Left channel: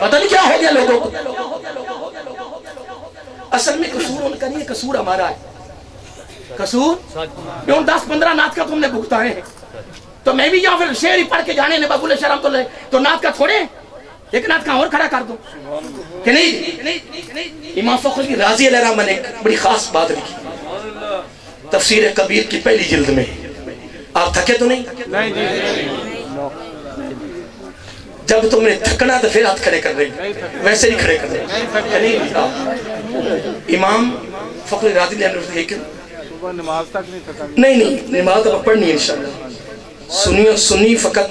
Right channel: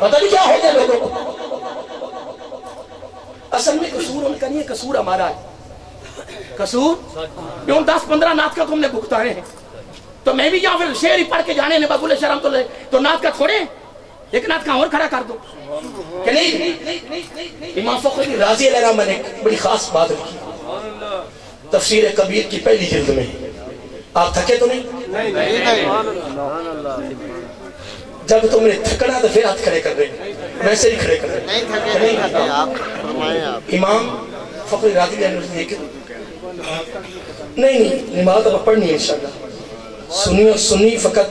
پتہ نہیں کیا ہو گیا لوگوں کو. اصل میں قصور ان کا نہیں ہے، قصور ہمارا ہے. قصور کیوں 10-15 نعت کا تم نے بھگتائے ہیں، تو میں بھی یہاں پھر شعر ہی پڑھ کے جانے نے بابول شرم تو نعت کا چھوڑے ایک نعت کہاں اور کھڑا کر دو کہ نہیں. امام فخر رازی علیہ الرحمہ نے ایک بڑی خاص بات لکھی تفسیر کبیر کی پہلی جلد میں. آپ تھکے تو نہیں؟ جب تم نے تھکنا تو پھر ہاتھ کھڑے کر رہے، ویسے ہی کھڑے کر رہے. امام فخر رازی علیہ الرحمہ نہیں نماز اب پڑھنی ہے انشاءاللہ. سنی فقط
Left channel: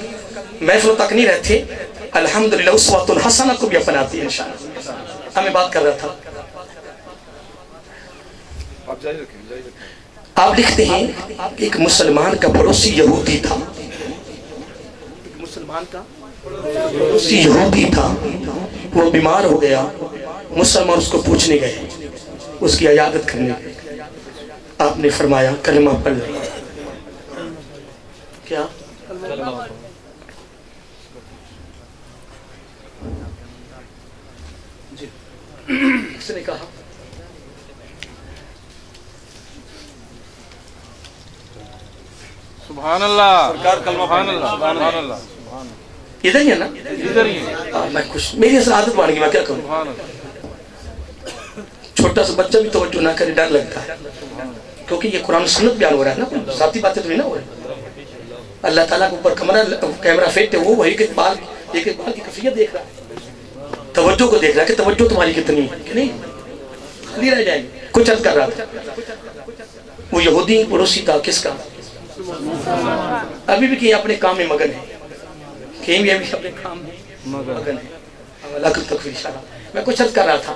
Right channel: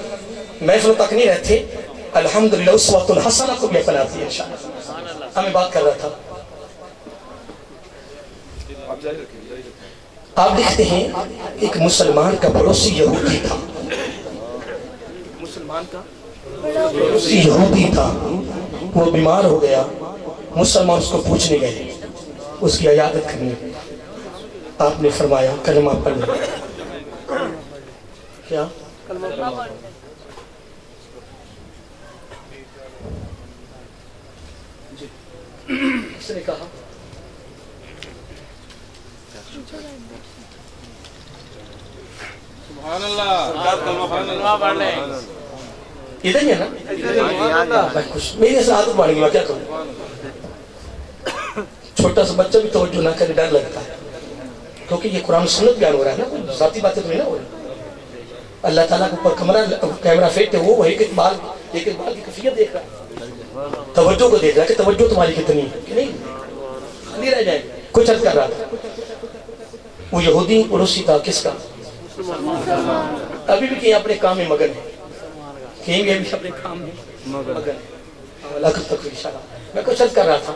محفل تک نہیں رہتے، الحمدللہ اسوۃ الحسنہ کو بھی اپناتی ہے انشاءاللہ. ہمیں بات کر رہا تھا، آپ لکھتے ہیں ایک مسلمان کا پڑوسی یہودی تھا. مسلمان کا پڑوسی یہودی تھا، وہ بیمار ہو گیا. مسلمان اس کو پوچھنے گئے، اس کی عیادت کرنے گئے. آپ نے فرمایا کلمہ پڑھ لو. کیا جی اس نے کہا سبحان اللہ، سبحان اللہ. ادھر ہی ہے نا؟ میں خوش، میری اصل عادت بڑھ گئی، میں کیا کروں. چھوٹا سا بچہ بھی توجہ نہ کرے ڈر لگتا ہے، کیونکہ یہ قرآن سنت بیان ہو رہا ہے نا، ذاتی باتیں تو نہیں نہ ہو رہی. اللہ تعالیٰ کو اوپر کیمرہ فیٹ ہے، وہ ایک اقبال کی کیفیت دیکھ رہا ہے، توجہ کو دیکھ رہا ہے کہ توجہ تمہاری کتنی ہے کہ نہیں رہ جائے گی. کچھ عرض کر رہا تھا، وہ یہودی پڑوسی تھا کس کا؟ ابھی بھی کہیں اپنے کام میں مگن ہے، کہیں بھی ابھی اپنے کام میں مگن ہے. لاکھ تک اشارہ. میں کچھ عرض کر رہا تھا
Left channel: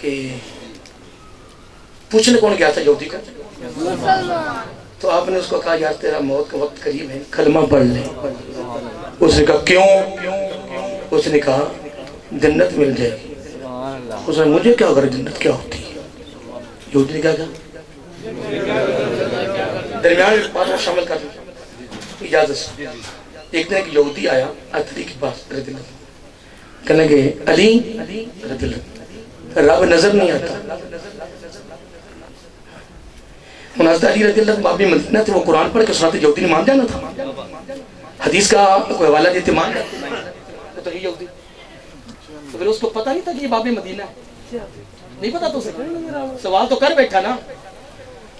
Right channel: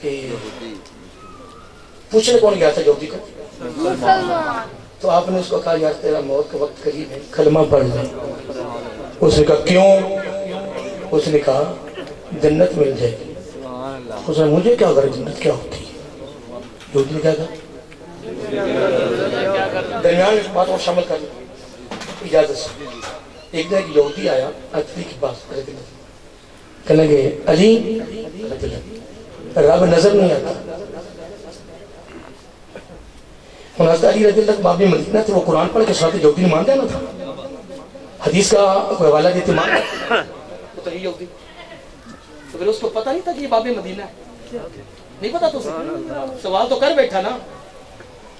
کہ پوچھنے کون گیا تھا یہودی کا؟ تو آپ نے اس کو کہا یار تیرا موت کا وقت قریب ہے، کلمہ پڑھ لے. اس نے کہا کیوں؟ اس نے کہا جنت مل جائے گی. اس نے مجھے کیا کرے جنت کیا ہوتی ہے؟ یہودی نے کہا درمیان میں بات کو شامل کر لیں اجازت سے. ایک دن ایک یہودی آیا علی کے پاس رضی اللہ، کہنے گئے علی رضی اللہ رب نظر نہیں آتا. حضرت علی رضی اللہ باب مدینہ تھے، وہ قرآن پڑھ کے سناتے، یہودی نے مان جانا تھا. حدیث کا کوئی حوالہ دیتے مان تو یہ یہودی، تو پھر اس کو پتہ نہیں تھا کہ یہ باب مدینہ ہے، نہیں پتا تو سوال تو کر بیٹھا نا.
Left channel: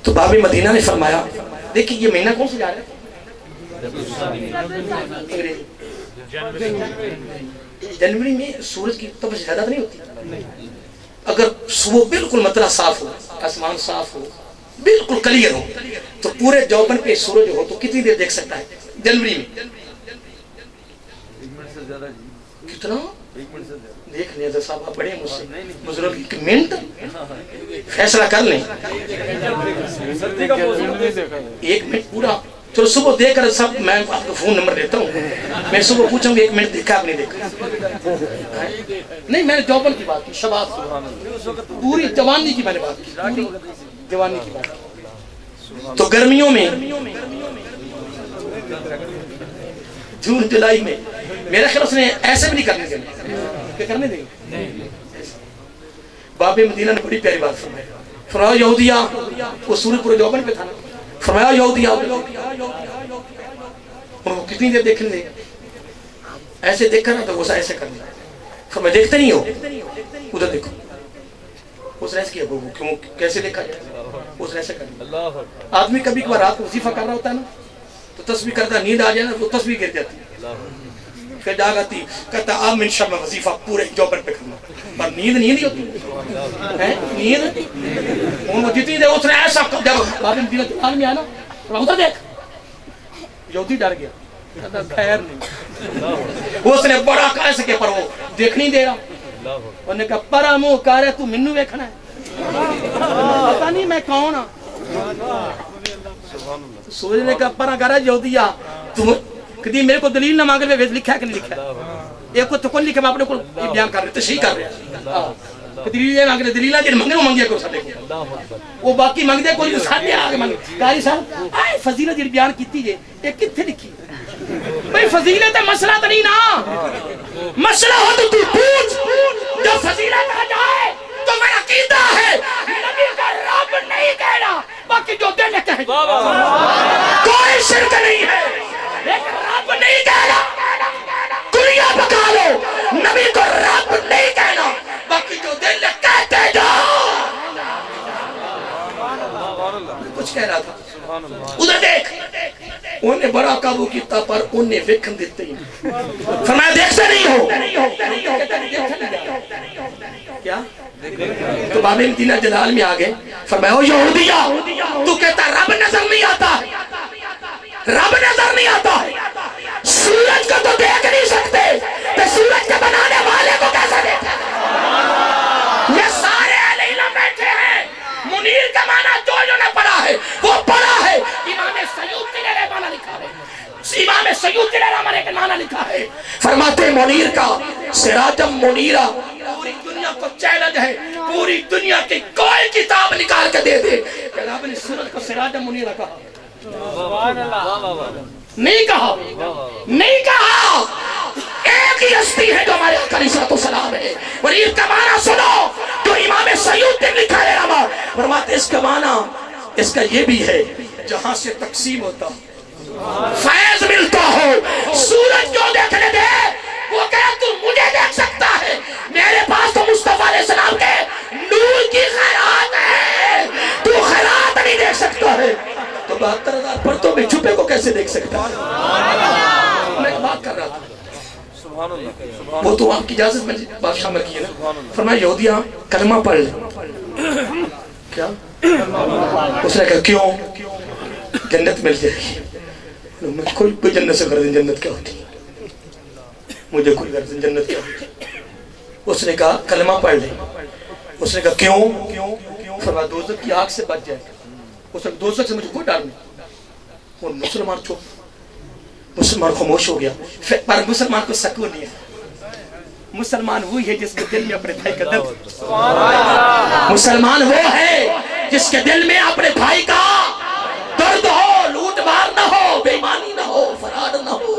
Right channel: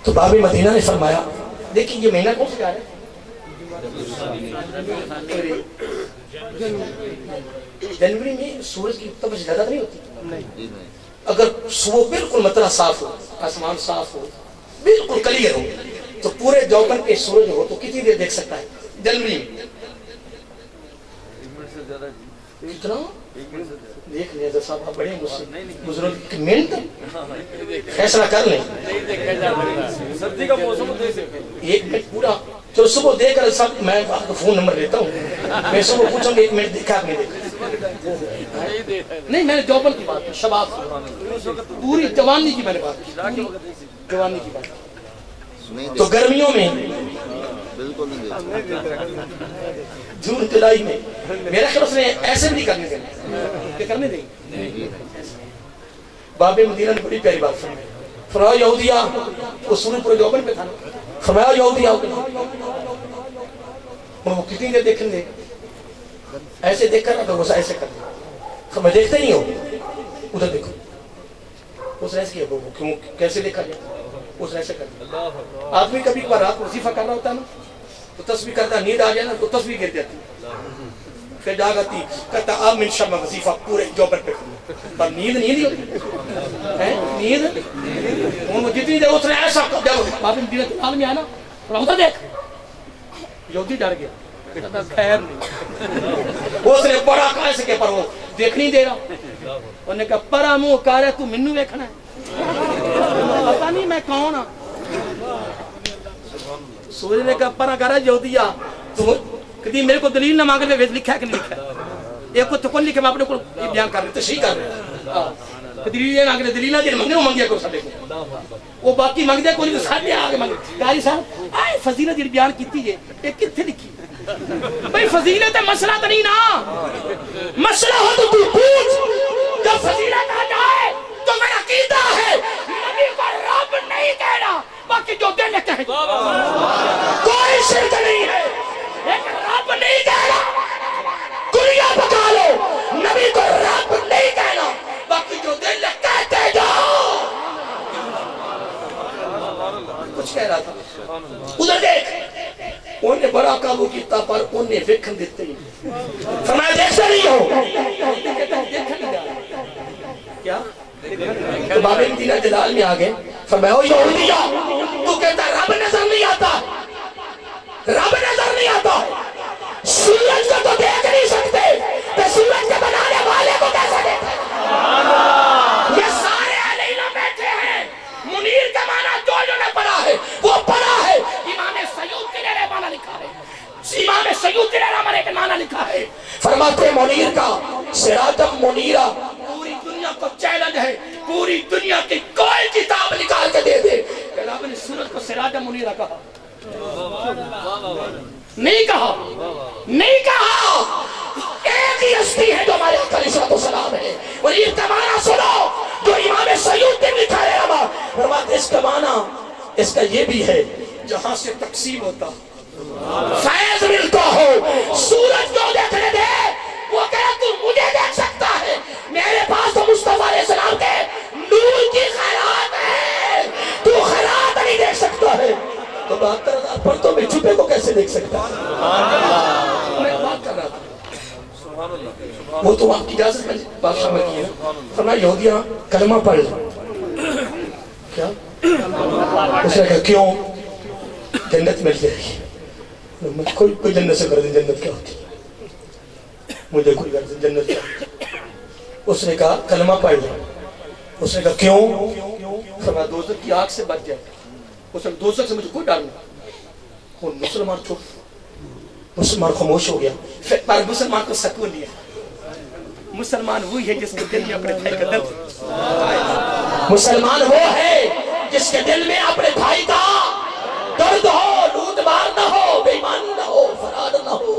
تو باب مدینہ نے فرمایا دیکھیں یہ مہینہ کون سے جا رہا ہے؟ جنوری میں سورج کی تپش زیادہ نہیں ہوتی. اگر صبح بالکل مطلع صاف ہو، آسمان صاف ہو، بالکل کلیئر ہو، تو پورے جوبن پہ سورج ہو تو کتنی دیر دیکھ سکتا ہے جنوری میں؟ کتنا دیکھ لیں صاحب، آپ بڑے مجھ سے بزرگ ایک منٹ فیصلہ کر لیں. ایک منٹ پورا چلو صبح دیکھ کر سب، میں آپ کو فون نمبر دیتا ہوں، میں صبح پوچھوں گا ایک منٹ دیکھا آپ نے دیکھا نہیں؟ میں نے جوبن کی بات کی، شباب پوری جوانی کی میں نے بات کی، جوانی کی بات. تو گرمیوں میں جون جولائی میں میرا خیال اس نے ایسے بھی نہیں کرنے دیں، کہ کرنے دیں. باب مدینہ نے بڑی پیاری بات فرمائی. فرمایا یہودیہ، وہ سورج پورے جوبن پہ تھا نا، فرمایا یہودیہ ان کو کتنی دیر دیکھنے دیں؟ ایسے دیکھ کر نا تو وہ ایسے کرنا. فرمایا دیکھتے نہیں ہو، ادھر دیکھو. اس نے ایسے کیا، وہ کیوں کیسے دیکھا جائے؟ اس نے ایسے کرنا. آدمی کبھی کبھار رات کو وظیفہ کر رہا ہوتا ہے نا، تو تسبیح کرتا، نیند آ جائے نا تو تسبیح گر جاتی، پھر جاگ آتی، کہتا آپ من شب وظیفہ پورے جوبن پہ کرنا، پر نیند نہیں ہوتی نیند. ان کو جتنی دیر اس نے ایسا جب باب مدینہ دکان میں آیا نا، ادھر دیکھ. یہودی ڈر گیا، کہتا خیر نہیں. اس نے بڑا کیسے کہ پر وہ دیکھ نہیں دے رہا. انہوں نے کہا پرا منہ کر ہے تو منو ویکھنا ہے، پتہ نہیں میں کون ہاں. سورج نے کہا پرا کر ہے یہودیہ، تم کدی میرے کو دلیل نہ مانگ لے، لکھا ہے کہ نہیں لکھا ہے؟ ایک کو تو کون لکھا، میں اپنے کو بیان کر رہے تشریح کر رہے. دلیل مانگ رہے، دلیل جن منگے وہ منگیا کو سارے کو، وہ باقی منگدے کوئی سارے آگے منگے. قاری صاحب آئے فضیلت جی بیان کیتی جے، یہ کتنے لکھی؟ بھئی فضیلت مسئلہ تو نہیں نا، مسئلہ ہو تو کوئی پوچھ کوئی شرک نہیں ہے، لیکن رب نہیں کہنا دنیا پکا لو، نبی کو رب نہیں کہنا، باقی جو دل کہتے جاؤ۔ کچھ کہہ رہا تھا ادھر دیکھ، انہیں بڑا قابو کیتا پر انہیں ویکھن دیتے ہی فرمایا دیکھتے نہیں ہو، کیا؟ تو باب مدینہ جلال میں آگئے، فرمایا او یہودیہ تو کہتا رب نظر نہیں آتا، رب نظر نہیں آتا، سورج کو تو دیکھ نہیں سکتے، تو سورج کے بنانے والے کو کیسا دیکھا؟ یہ سارے اہل علم بیٹھے ہیں، منیر کا معنی جو نے پڑھا ہے وہ پڑھا ہے، امام سیوطی نے معنی لکھا ہے، امام سیوطی نے معنی لکھا ہے، فرماتے منیر کا سراجم منیرہ، پوری دنیا کو چیلنج ہے، پوری دنیا کی کوئی کتاب نکال کے دے دے کہ رب نے سورج کو سراجم منیرہ کہا، نہیں کہا، نہیں کہا، ایک ہی ہستی ہے جو ہمارے آقا علیہ السلام ہے۔ منیر کا معنی سنو جو امام سیوطی نے لکھا ہے، فرماتے اس کا معنی اس کا یہ بھی ہے جہاں سے تقسیم ہوتا فیض ملتا ہو، سورج جو دیکھنے دے وہ کہا تو مجھے دیکھ سکتا ہے، میرے پاس تو مصطفیٰ علیہ السلام کے نور کی خیرات ہے، تو خیرات نہیں دیکھ سکتا ہے، تو 72,000 پرتوں میں چھپے کو کیسے دیکھ سکتا ہے؟ میں ایک بات کر رہا تھا، وہ تو آپ کی اجازت میں بادشاہ میں کی ہے نا، فرمایا یہودیاں کلمہ پڑھ لیں، کیا؟ اس نے کہا کیوں؟ جنت مل جائے گی، میں کوئی جنت سے غرض جنت کیا ہوتی ہے، مجھے کوئی غرض جنت کیا ہوتی ہے۔ اس نے کہا کلمہ پڑھ لیں، اس نے کہا کیوں؟ فرمایا دوزخ کی آگ سے بچ جائے گا، اس نے دوزخ سے مجھے کوئی ڈر نہیں۔ وہ مسلمان چھوڑ، مسلمان خاموش ہو گیا، پر مسلمان کو سکون نہیں ہے، مسلمان وہی ہے جس کے دل میں اپنے بھائی کا درد، مسلمان وہ ہے جس کے دل میں اپنے بھائی کا درد ہو، لوٹ مار نہ ہو، بے ایمانی نہ ہو، فراد نہ ہو،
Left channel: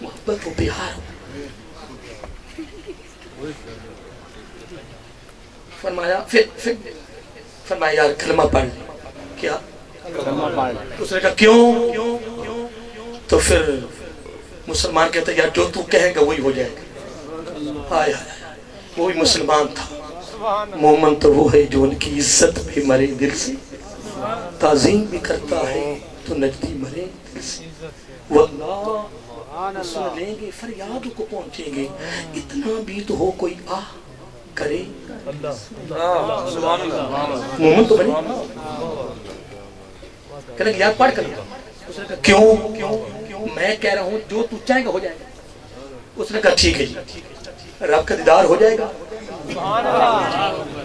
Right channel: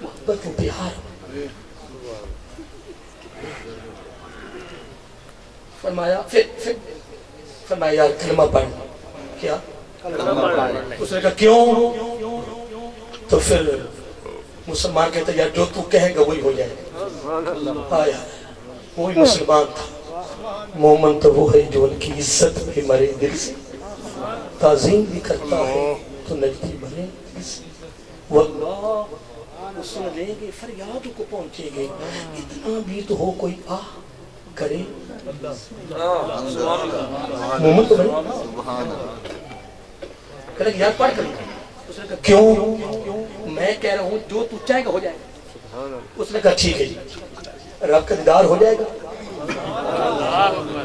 محبت و پیار۔ فرمایا پھر فرمایا یار کلمہ پڑھ، کیا؟ اس نے کہا کیوں؟ تو پھر مسلمان کہتا ہے یار جو تو کہے گا وہی ہو جائے گا۔ آیا وہی مسلمان تھا، مومن تو وہ ہے جو ان کی عزت میں مرے دل سے، تعظیم بھی کرتا ہے تو نجدی مرے دل سے، واللہ وہ سن لیں گے فریاد کو پہنچیں گے، اتنا بھی تو ہو کوئی کرے، مومن تو بھائی کہنے کہ یار پڑھ کر اس نے کہا کیوں؟ میں کہہ رہا ہوں جو تو چاہے گا ہو جائے گا۔ اس نے کہا ٹھیک ہے جی، رب کا دیدار ہو جائے گا،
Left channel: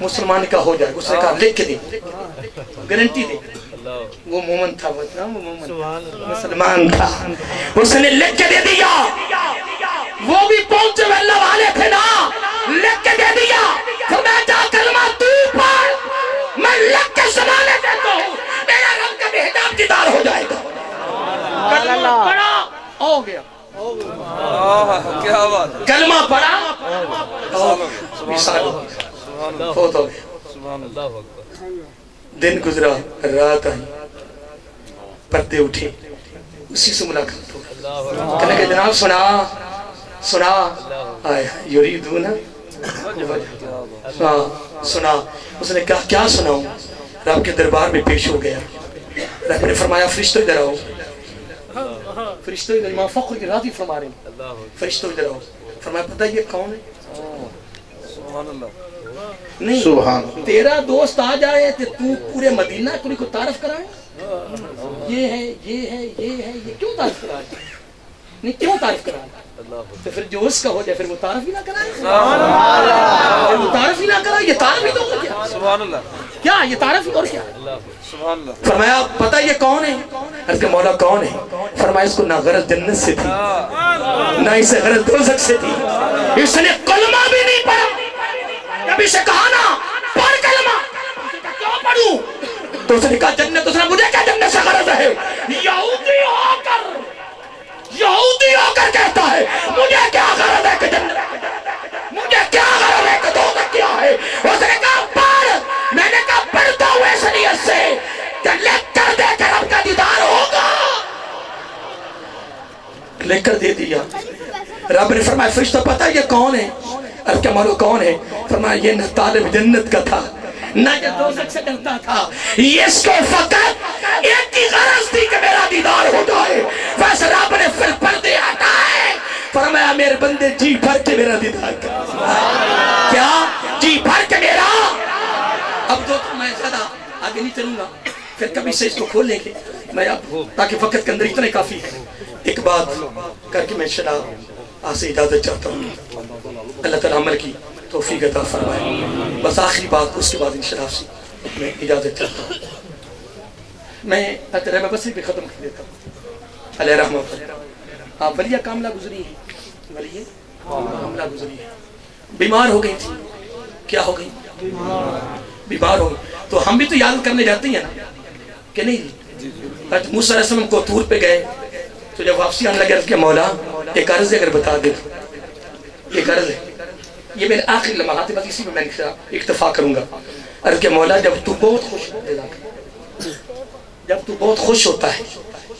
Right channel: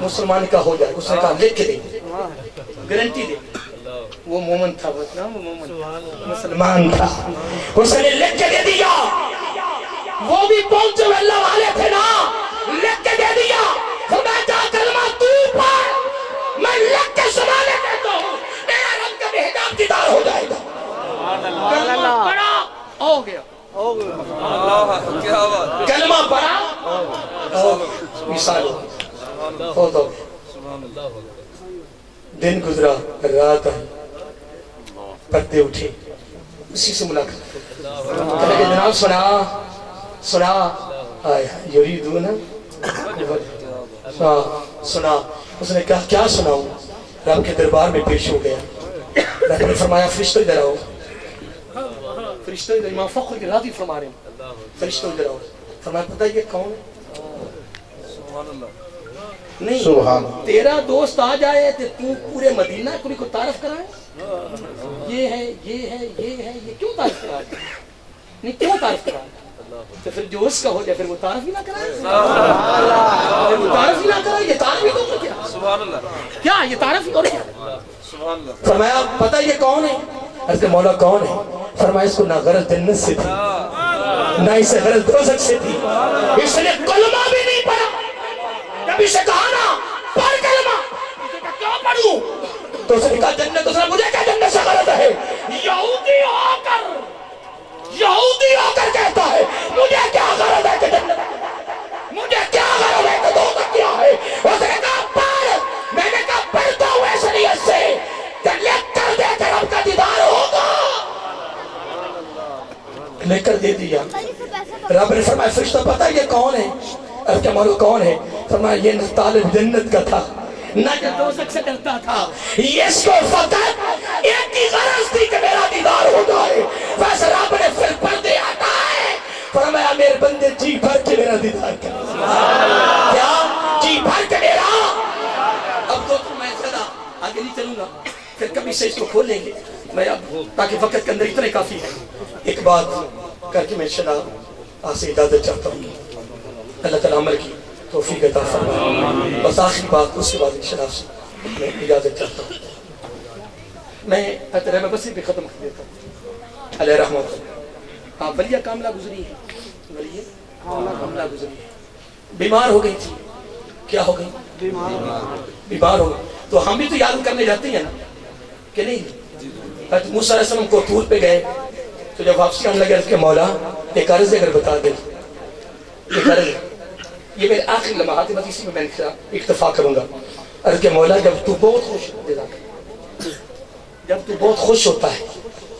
مسلمان کا ہو جائے گا۔ اس نے کہا لکھ کے دے، گارنٹی دے، وہ مومن تھا، وہ مسلمان تھا، اس نے لکھ کے دے دیا، وہ بھی پہنچے ہوئے اللہ والے تھے نا، لکھ کے دے دیا، خدا جا کلمہ تو پڑھ، میں لکھ کے سنانے دیتا ہوں، میرا رب کا بہتاب دیدار ہو جائے گا۔ کلمہ پڑھا ہو گیا، کلمہ پڑھا مثال بہت ہو گیا۔ دن گزرا، رات آئی، پردے اٹھے، اسی سے ملاقات ہو، کہنے کہ جناب سنا آیا یریدون، سنا۔ اس نے کہا کیا سناؤں؟ رب کے دربار میں پیش ہو گیا، رب نے فرمایا فرشتوں ادھر آؤ، فرشتوں ادھر، امام فخر کی راضی فرما رہے ہیں، فرشتوں ادھر آؤ۔ فرمایا پتہ یہ کون ہے؟ نہیں، تیرا دوست آ جائے تو پورے مدینہ کو تعارف کرائے، یہ ہے یہ ہے یہ ہے، یہ کیوں تعارف کرائے؟ نہیں کیوں تعارف کرائے؟ تو پھر جو اس کا ہو جائے پھر وہ تعارف ہی نہ کرائے، وہ تعارف ہی نہ کرائے، یہ تعارف ہی تو ہو گیا، سبحان اللہ، کیا یہ تعارف ہی اور کیا؟ فرمایا پتہ یہ کون ہے؟ اس کے مولا کون ہے؟ فرمایا اس کو نہ غرض جنت سے تھی نہ اسے غرض دوزخ سے تھی، اس نے کلمہ بھی نہیں پڑھا، نبی سے کہا نا پڑھ کلمہ، اس نے کہا کیوں پڑھوں؟ تو اس نے کہا جنت، اس نے مجھے کیا جنت سے غرض ہے؟ یہودی ہو کر کہتا ہے مجھے کیا غرض ہے کہ جنت، مجھے کیا غرض ہے کہ دوزخ کیا ہے؟ اس نے کہا پڑھ، میں نے کہا پڑھتا ہوں ایسا نہیں ہے کہ لکھ کر دے کہ رب کا دیدار ہوگا. لکھ کر دے دیا. رب نے فرمایا فرشتہ پتہ یہ کون ہے؟ اب کیا معلوم کون ہے؟ فرمایا یہ نہ طالب جنت کا تھا نہ یہ دوزخ سے ڈرتا تھا، اس کو فقط ایک ہی غرض تھی کہ میرا دیدار ہو جائے. بس رب نے پھر پردے ہٹائے، فرمایا میرے بندے جی بھر کے میرا دیدار کر. کیا جی بھر کے میرا. اب تو میں زیادہ آگے نہیں چلوں گا، پھر کبھی سے اس کو کھول لیں گے. میں اب تاکہ وقت کے اندر اتنے کافی ہے. ایک بات کر کے میں شناب آپ سے اجازت چاہتا ہوں. اللہ تعالیٰ عمل کی توفیق عطا فرمائے. بس آخری بات، اس کے بعد انشاءاللہ سے میں اجازت چاہتا ہوں. میں رحمہ بصری پہ ختم کر دیتا ہوں. علیہ رحمت اللہ. آپ ولیہ کاملہ گزری ہیں، ولیہ کاملہ گزری ہے. بیمار ہو گئی تھی. کیا ہو گئی؟ بیمار ہو گئی. تو ہم بھی تو یاد کرنے جاتے ہیں نا کہ نہیں؟ موسیٰ علیہ السلام کو طور پہ گئے تو جب واپسی آنے لگے کہ مولا ایک عرض ہے اگر بتا دے. ایک عرض ہے، یہ میرے آخری لمحات ہے، بس اسی میں میں اکتفا کروں گا. عرض کہ مولا جب تو بہت خوش جب تو بہت خوش ہوتا ہے،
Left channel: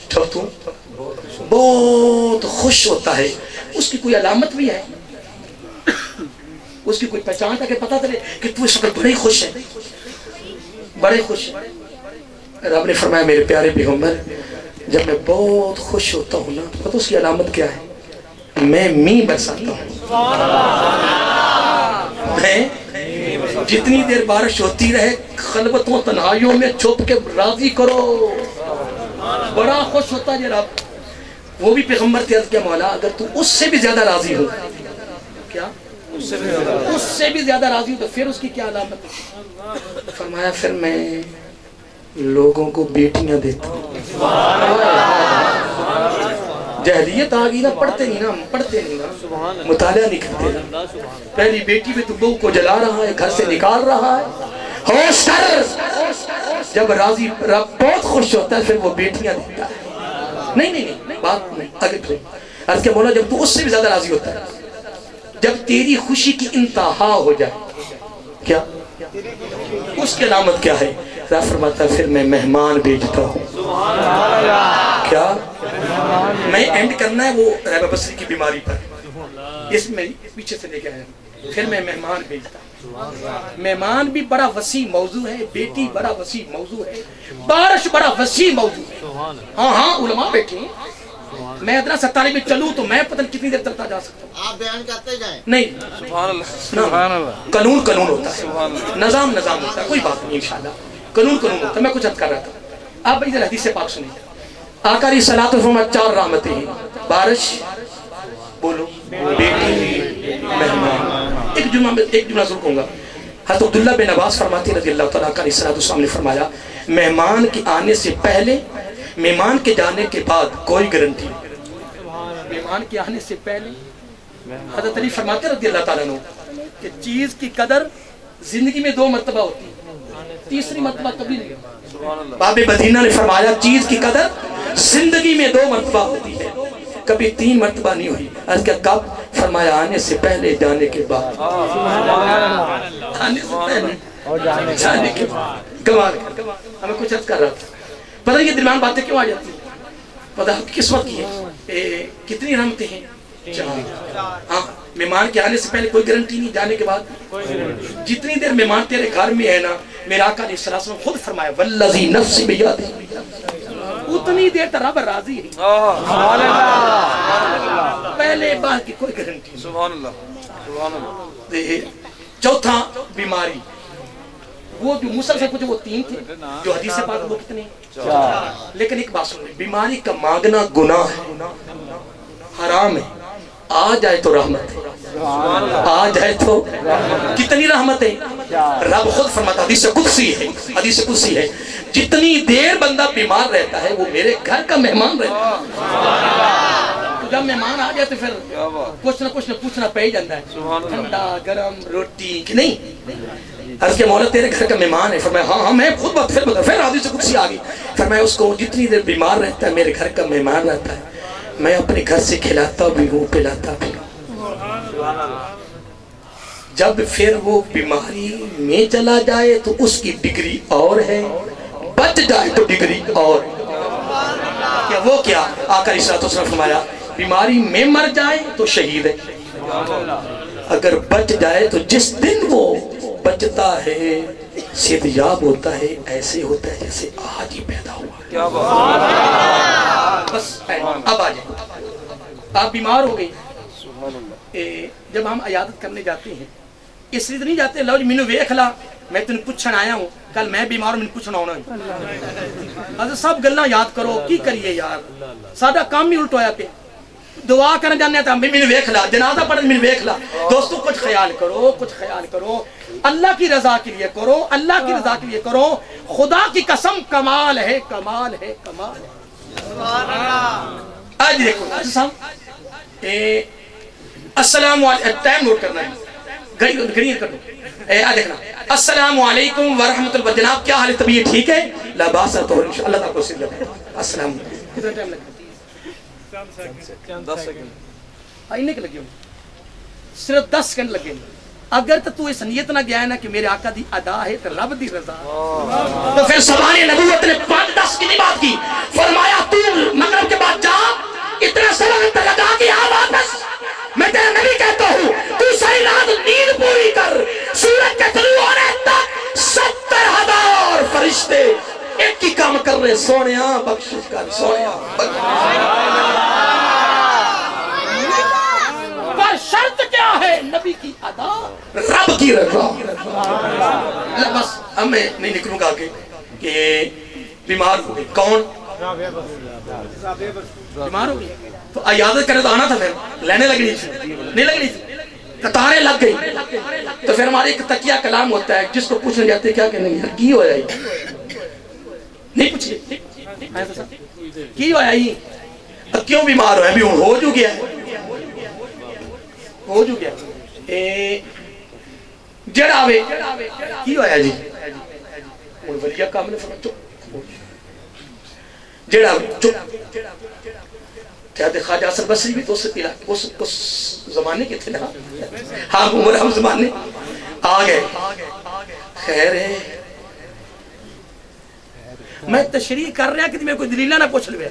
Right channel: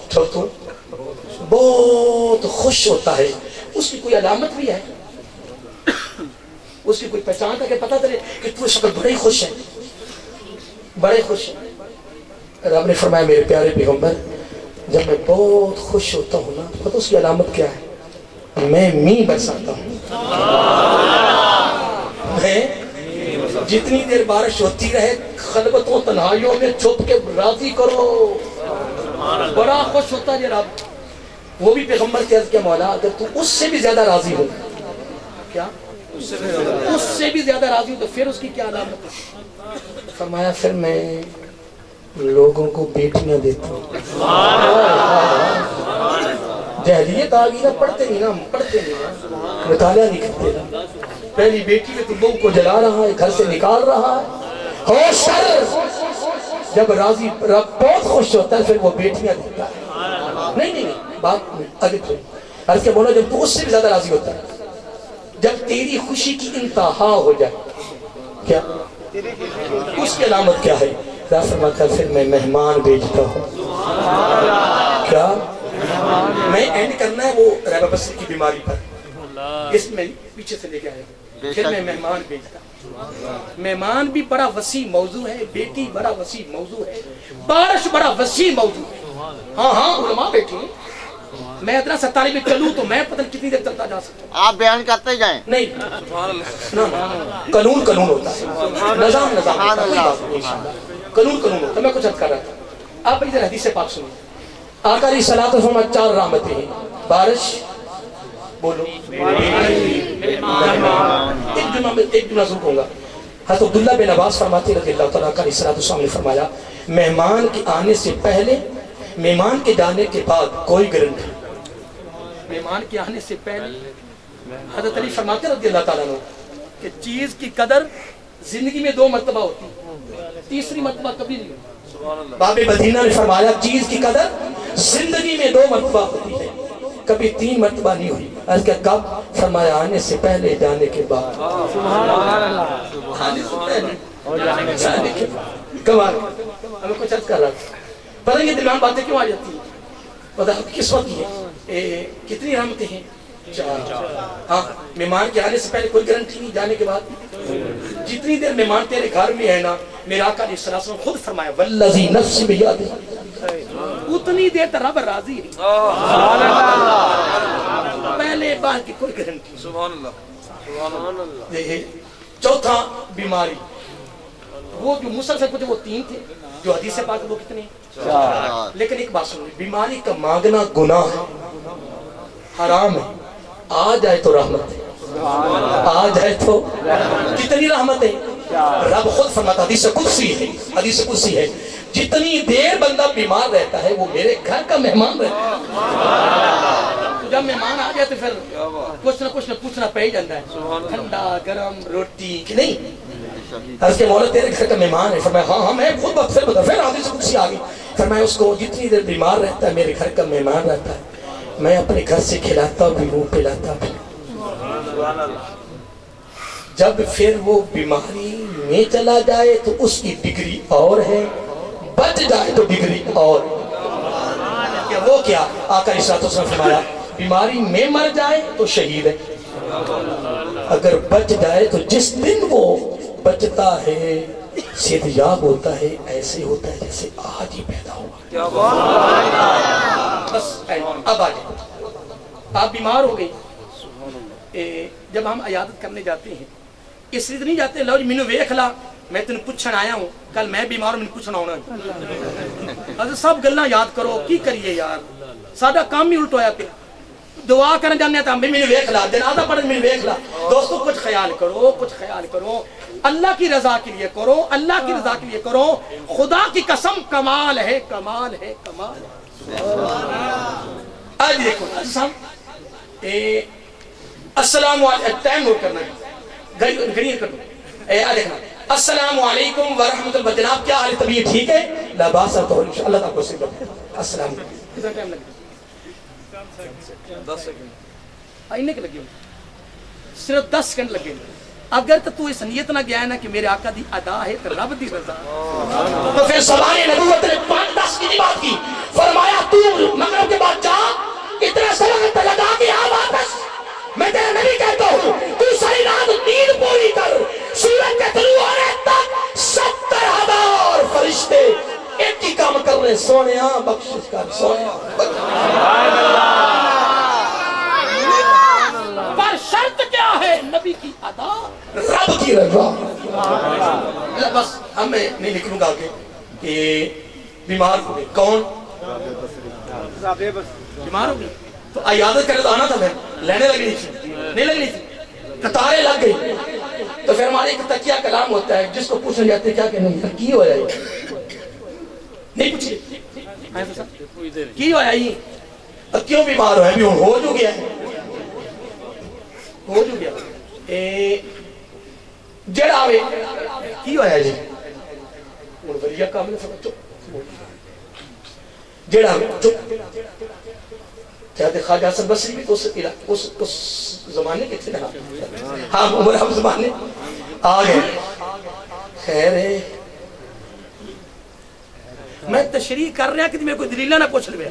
جب تو بہت خوش ہوتا ہے، اس کی کوئی علامت بھی ہے؟ اس کی کوئی پہچان تھا کہ پتہ چلے کہ تو اس وقت بڑے خوش ہے، بڑے خوش ہے؟ رب نے فرمایا میرے پیارے پیغمبر جب میں بہت خوش ہوتا ہوں نا تو اس کی علامت کیا ہے؟ میں می برساتا ہوں. میں جتنی دیر بارش ہوتی رہے خلوتوں تنہائیوں میں چھپ کے راضی کرو. بڑا خوش ہوتا ہے رب. وہ بھی پیغمبر سے عرض کیا مولا اگر تو اس سے بھی زیادہ راضی ہو، کیا اس سے بھی زیادہ راضی ہو تو پھر اس کی کیا علامت ہے؟ فرمایا پھر میں لوگوں کو بیٹیاں دیتا ہوں. جہلیت آگئی نا، پڑھتے نہیں نا، پڑھتے نہیں نا، مطالعہ نہیں کرتے. پہلی بیٹی میں تو بہو کو جلا رہا ہے، گھر سے نکال رہا ہے. ہوش کر. جب راضی رب بہت خوش ہوتا ہے پھر وہ بیٹیاں دیتا ہے. نہیں بات نہیں آگے پھر عرض کہ مولا جب تو اس سے بھی زیادہ راضی ہوتا ہے، جب تیری خوشی کی انتہا ہو جائے، کیا اس کی علامت کیا ہے؟ رب فرماتا ہے پھر میں مہمان بھیجتا ہوں. کیا میں اینڈ کرنا ہے وہ رحمہ بصری کی بیماری پر، اس میں پیچھے سے لے کے آیا. پھر میں مہمان بھیجتا ہوں. مہمان بھی بڑا وسیع موضوع ہے، بیٹی بڑا وسیع موضوع ہے، بارش بڑا وسیع موضوع ہے. ہاں علماء بیٹھے ہیں. میں ادنا 47 میں چلوں تو میں پتہ کتنی دیر چلتا جا سکتا ہوں. آپ بیان کرتے جائیں. نہیں قانون ہوتا ہے، نظام ہوتا ہے. کوئی بات نہیں انشاءاللہ قانون ہوتا ہے. میں کچھ عرض کر رہا تھا. آپ ادھر حدیث پاک سنیے. آقا علیہ الصلوۃ والسلام 4 رحمتیں ہیں. بارش، بولو، بیٹی، مہمان. ایک جملہ ضرور کہوں گا. حضرت عبداللہ بن عباس فرماتے رضی اللہ تعالیٰ علیہ السلام نے فرمایا مہمان کے آنے سے پہلے، مہمان کے جانے کے بعد کوئی گارنٹی. مہمان کے آنے سے پہلے حضرت علی فرماتے رضی اللہ تعالیٰ عنہ کہ چیز کی قدر زندگی میں 2 مرتبہ ہوتی ہے، تیسری مرتبہ کبھی نہیں. باب مدینہ نے فرمایا چیز کی قدر زندگی میں 2 مرتبہ ہوتی ہے، کبھی 3 مرتبہ نہیں ہوئی. عرض کیا کب؟ فرمایا آنے سے پہلے جانے کے بعد. آنے سے پہلے جانے کے بعد. کمال. ہمیں کچھ عرض کر رہا تھا. پتہ یہ درمیان باتیں کیوں آ جاتی ہیں؟ پتہ کس وقت کی ہے؟ کتنی رحمتیں ہیں؟ 4. ہاں مہمان کے آنے سے پہلے کوئی گارنٹی نہیں، جانے کے بعد جتنی دیر مہمان تیرے گھر میں ہے نا، میرا آقا علیہ السلام خود فرمایا والذی نفسی بیدہ، اتنی دیر تک رب راضی ہے. پہلے بعد کی کوئی گارنٹی نہیں. سبحان اللہ. چوتھا بیماری. وہ جو مسلسل کچھ وہ 3 تھے، جو حدیث پاک وہ کتنے؟ 4. لیکن ایک بات سنو، بیماری کا مانگنا گناہ ہے، حرام ہے. آ جائے تو رحمت ہے، آ جائے تو کتنی رحمت ہے. رب خود فرماتا حدیث قدسی ہے جتنی دیر بندہ بیمار رہتا ہے وہ میرے گھر کا مہمان رہتا ہے. تو جب مہمان آ جائے تو پھر کچھ نہ پوچھنا پہ ہی جاتا ہے، ٹھنڈا گرم روٹی کہ نہیں. عرض کہ مولا تیرے گھر کا مہمان ہے. فرمایا ہاں میں خود پھر حدیث قدسی آ گئی. فرمایا اس کو جتنی دیر بیمار رہتا ہے میرے گھر کا مہمان رہتا ہے، میں اپنے گھر سے کھلاتا بھی ہوں پلاتا بھی ہوں. جب پھر وہ بیماری میں چلا جائے تو اس کی ڈگری اور ہے، بچ جائے تو ڈگری اور کیا وہ کیا آقا علیہ الصلوۃ والسلام فرمایا بیماری میں مر جائے تو شہید ہے، اگر بچ جائے تو جس دن وہ بچتا ہے صحت یاب ہوتا ہے ایسے ہوتا ہے جیسے آج ہی پیدا ہوا۔ بس اب آ جائیں، آپ بیمار ہو گئی، جب ہم عیادت کرنے جاتے ہیں اس لیے نہیں جاتے لو جی مینوں ویکھ لا میں تینوں پوچھن آیا ہوں، کل میں بیمار ہوں مینوں پوچھنا ہونا ہے، سب گلاں یاد کرو کی کریے یار، ساڈا کام ہی الٹ ہویا پیا، دعا کرنے جانے ہیں تو مینوں ویکھ لا، جنازہ پڑھن مینوں ویکھ لا۔ دوستو کچھ خیال کرو، کچھ خیال کرو، اللہ کی رضا کے لیے کرو، اللہ کی رضا کے لیے کرو، خدا کی قسم کمال ہے، کمال ہے، کمال ہے۔ آج دیکھو صاحب السلام علیکم، ٹائم نوٹ کرنا ہے، گھڑی کر دو، دیکھنا السلام علیکم ورحمۃ اللہ، جناب کیا حال ہے، طبیعت ٹھیک ہے؟ لا باس تو اللہ تعالیٰ کو سجدہ ہے۔ السلام علیکم، کتنا ٹائم لگے؟ 10 سیکنڈ آئینے کے لگے ہوں، صرف 10 سیکنڈ لگے۔ اگر تو اس نیت نہ گیا ہے نا کہ میرے آقا دی ادا ہے تو رب دی رضا، تو پھر سبحان نبوت نے 5-10 کی بات کی، فرمایا تو مغرب کے بعد جا اتنا سلامت لگا کہ آ واپس، میں تیرا نبی کہتا ہوں تو ساری رات نیند پوری کر، سورج کے طلوع ہونے تک 70,000 فرشتے ایک ہی کام کر رہے، سونیا بخشش کر، سونیا پر شرط کیا ہے؟ نبی کی ادا، رب کی رضا۔ بس اب میں نہیں نکلوں گا کہ بیمار ہو گئی، کون بیمار ہو گئی تو عیادت کرے تو آنا تھا، پھر لینے لگنی تھی نہیں لگنی تھی، قطاریں لگ گئی، تو پھر ہمارے ایک تقیہ کلام ہوتا ہے جس کو پوچھنے جاتے ہیں کیا کہ نہیں کی ہو جائے نہیں پوچھئے کی ہو جائے کیوں بیمار ہو ہے، بھی ہو جو گیا ہے، ہو جو گیا جڑا آوے کی ہو جائے جی ولیہ کام نے فرمایا چپ جڑا آوے چپ چاہتے خواجہ حسن بصری بھی تو اس زمانے کے تھے نا، ہاں عمر ہم زمانے آگئے، خیر ہے میں تشریح کر رہا کہ میں کوئی دلیلہ نہ پوچھ لیا،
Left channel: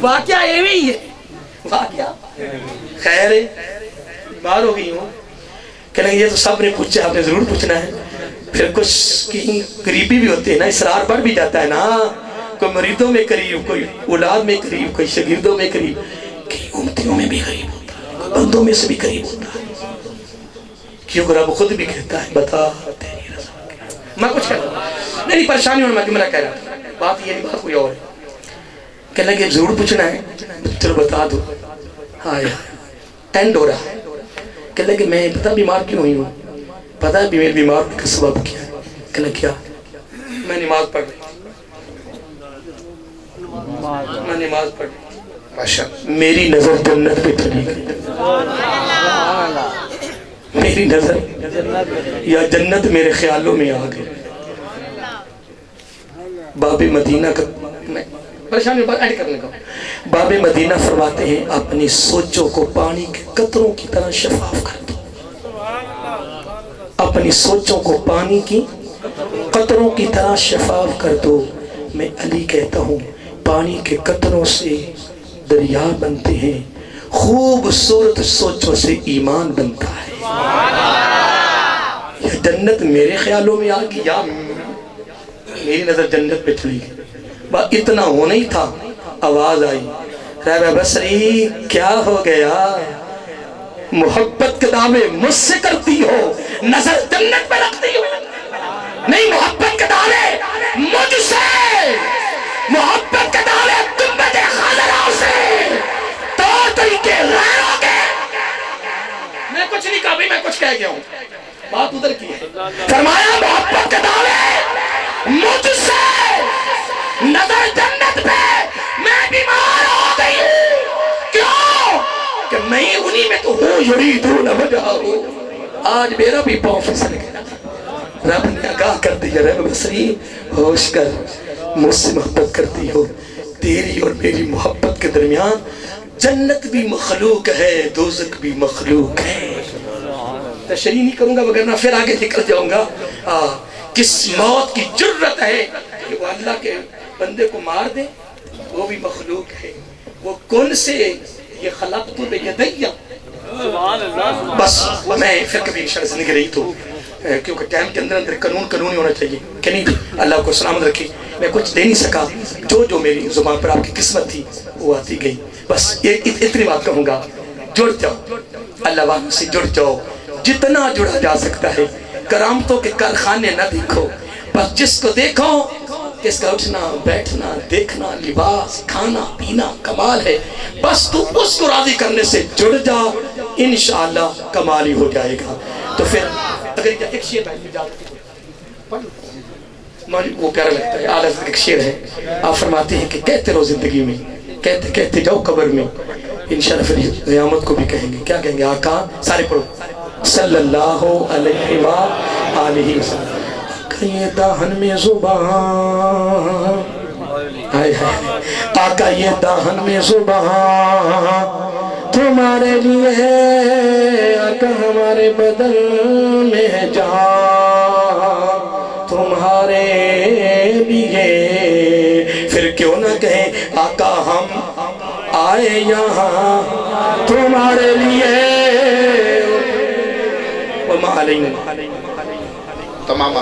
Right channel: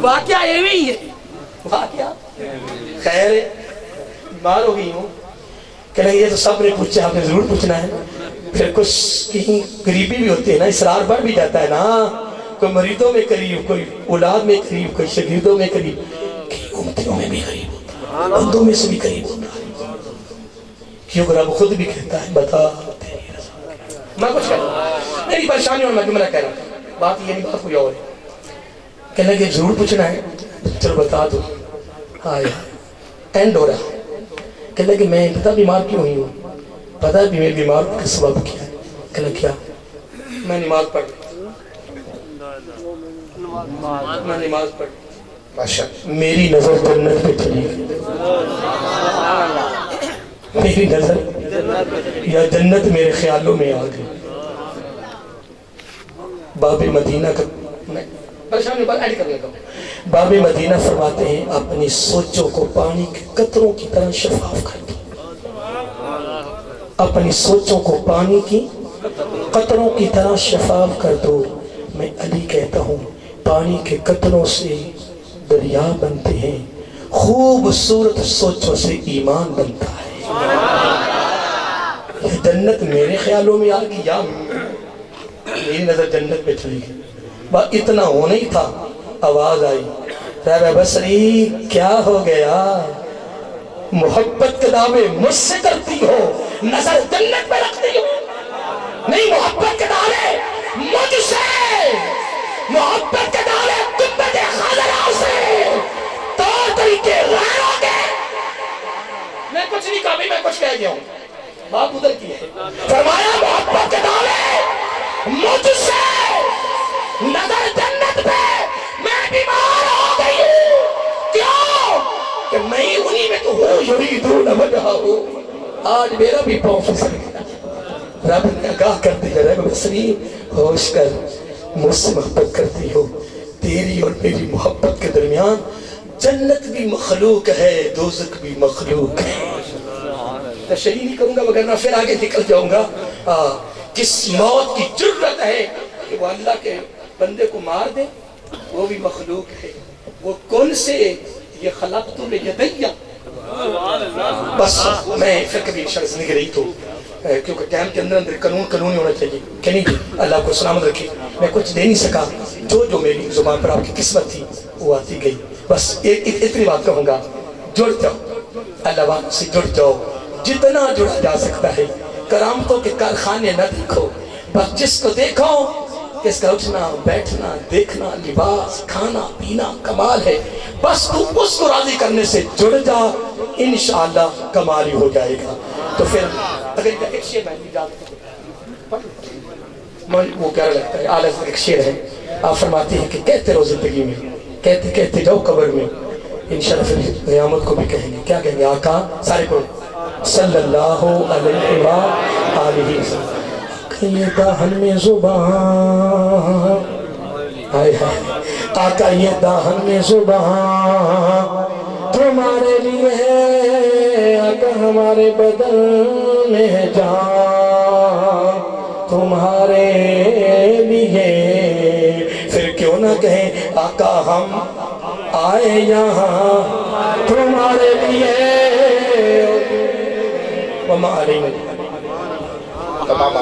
واقعہ ایویں ہی ہے، واقعہ خیر ہے بیمار ہو گئی ہوں، کہنے یہ تو سب نے پوچھا، آپ نے ضرور پوچھنا ہے، پھر کچھ کی قریبی بھی ہوتے ہیں نا، اسرار بڑھ بھی جاتا ہے نا، کوئی مریضوں میں قریب، کوئی اولاد میں قریب، کوئی شاگردوں میں قریب، کئی امتیوں میں بھی قریب ہوتا ہے، بندوں میں سے بھی قریب ہوتا ہے، کیونکہ رب خود بھی کہتا ہے بتا تیری رضا، میں کچھ کہتا ہوں میری پریشانی میں جملہ کہہ رہا ہوں، بات یہ نہیں، بات کوئی اور ہے، کہنے کہ ضرور پوچھنا ہے، چلو بتا دو، ہاں یار اینڈ ہو رہا ہے، کہنے کہ میں پتہ بیمار کیوں ہوئی ہوں، پتہ ہے میرے بیمار کا سبب کیا ہے، کہنے کیا میں نماز پڑھ رہی، میں نماز پڑھ رہی، میری نظر جنت پہ چلی گئی، میری نظر یا جنت میرے خیالوں میں آ گئی، باب مدینہ کا پریشانی بات ایڈ کرنے کا، باب مدینہ فرماتے ہیں اپنی سوچوں کو پانی کے قطروں کی طرح شفاف کر دو، اپنی سوچوں کو پانی کی قطروں کی طرح شفاف کر دو، میں علی کہتا ہوں پانی کے قطروں سے دریا بنتے ہیں، خوبصورت سوچوں سے ایمان بنتا ہے، یہ جنت میرے خیالوں میں آگی یا میری نظر جنت پہ چلی گئی، اتنا ہونا ہی تھا، آواز آئی رہبہ بصری کیا ہو گیا، محبت کے دعوے مجھ سے کرتی ہو، نظر جنت پہ رکھتی ہو، نہیں محبت کے دعوے مجھ سے، محبت کے دعوے تمت خاضرہ سے، طور طریقے غیر ہو گئے، میں کچھ نہیں کہا بھی میں کچھ کہہ گیا ہوں، بات ادھر کی ہے، فرمایا محبت کے دعوے مجھ سے، نظر جنت پہ، میں بیمار ہو گئی ہوں، کیوں کہ میں انہی میں تو ہوں یریدون وجہہ ہوں، آج میرا بھی پاؤں پھسل گیا، رب نے آگاہ کر دیا رب بصری ہوش کر، مجھ سے محبت کرتی ہو، تیری اور میری محبت کے درمیان جنت بھی مخلوق ہے، دوزخ بھی مخلوق ہے، تشریح نہیں کروں گا وگرنہ پھر آگے نکل جاؤں گا، کس موت کی جرت ہے کہ وہ اللہ کے بندے کو مار دے، وہ بھی مخلوق ہے، وہ کون سے یہ خلقت لیدیہ. بس میں پھر کبھی انشاءاللہ زندگی رہی تو کیونکہ ٹائم کے اندر قانون ہی ہونا چاہیے کہ نہیں. اللہ کو سلامت رکھے. میں کچھ دے نہیں سکا، جو میری زبان پر آپ کی قسمت تھی وہ آتی گئی. بس اتنی بات کہوں گا، جڑ جاؤ اللہ والوں سے، جڑ جاؤ جتنا جڑا جا سکتا ہے. کرامتوں کے کارخانے نہ دیکھو، بس جس کو دیکھو اس کا اٹھنا بیٹھنا دیکھنا لباس کھانا پینا کمال ہے. بس تو اس کو راضی کرنے سے جڑ جا، انشاءاللہ کمال ہی ہو جائے گا. تو پھر اگر ایک شعر میں اجازت وہ پیارا لگتا ہے، اعلیٰ ایک شعر ہے. آپ فرماتے ہیں کہ کہتے رہو زندگی میں، کہتے کہتے جاؤ قبر میں، انشاءاللہ پھر قیامت کو بھی کہیں گے. کیا کہیں گے؟ آقا سارے پڑھو صلی اللہ علیہ وآلہ وسلم. یہ دہن میں زبان، آقا یہ دہن میں زبان تمہارے لیے ہے، آقا ہمارے بدن میں جان تمہارے لیے. پھر کیوں نہ کہیں آقا ہم آئے یہاں تمہارے لیے. وما علینا تمام